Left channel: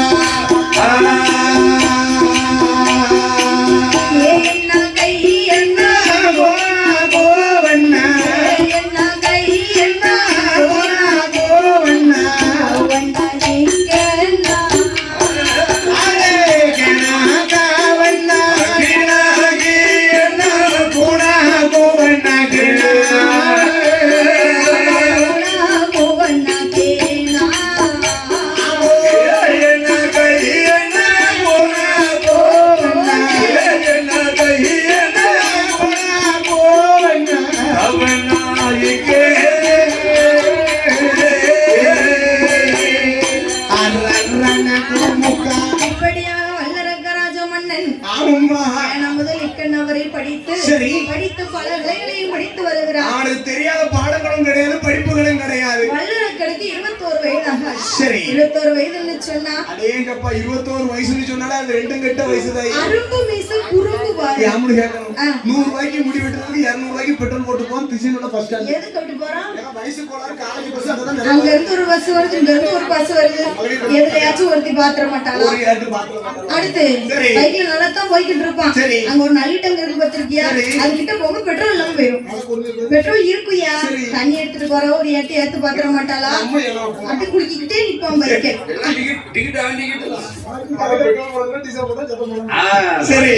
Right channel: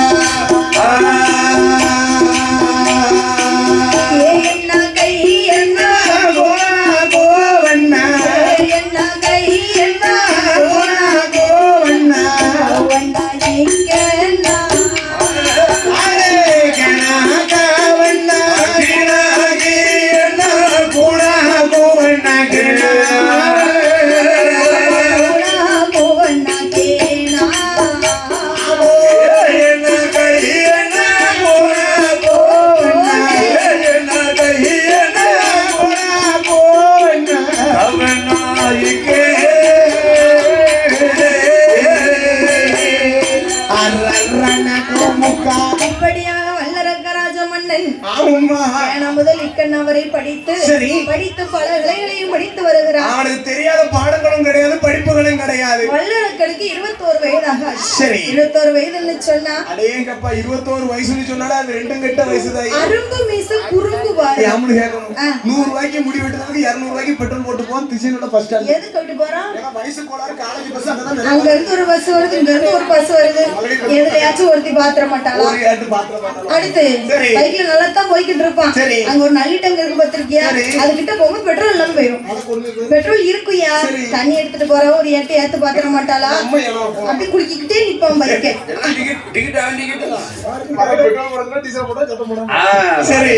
Thank you. வல்லரங்கராஜ மன்னன் முதல் வரை படித்து சரி. படித்து பல இலைகளையும் படித்து வருகிறார் அவனுக்கு தெரியாத பாடங்களும் கிடையாது படிப்புகளும் கிடையாது. வல்லரக்கனுக்கு இருபத்தோரு வயதாக. சரி. இருபத்தோரு வயதுன்னு சொன்னா அடேங்கப்பா இருபத்தோரு வயசுன்னு சொன்னாலே அது ரெண்டும் கெட்ட வயசுதான் அரும்பு மீசு குறும்பு பாரு யாமனு கேட்கணும். ஆ. நூறு ரூபாய்க்கு முடி வெட்டுறதுக்கு இருநூறு ரூபாய்க்கு பெட்ரோல் போட்டு போவோம் திசையோட எது போறோம்? வயசு கோளாறு காலேஜ் பஸ் அங்க இருந்து ஒரு பஸ் வருது இங்க இருந்து ஒரு பஸ் வருது எதுலயாச்சும் ஒருத்தி பாத்திர பாத்திரம் அடுத்து. சைக்கிள் நல்லா தான் போய்கிட்டு இருப்பான். அங்க ஒரு நல்ல டங்கு இருக்கு பாத்திருக்கியா. அது கிட்ட போக பெட்ரோல் இல்லாம போயிடும். பெட்ரோல் இருக்குயா. தண்ணி எடுத்துட்டு போற ஒரு ஏட்டு ஏத்து பாத்திர மாட்டாளா? அப்படி குளிக்கிட்டே நிப்பான் பைக்கு. சரி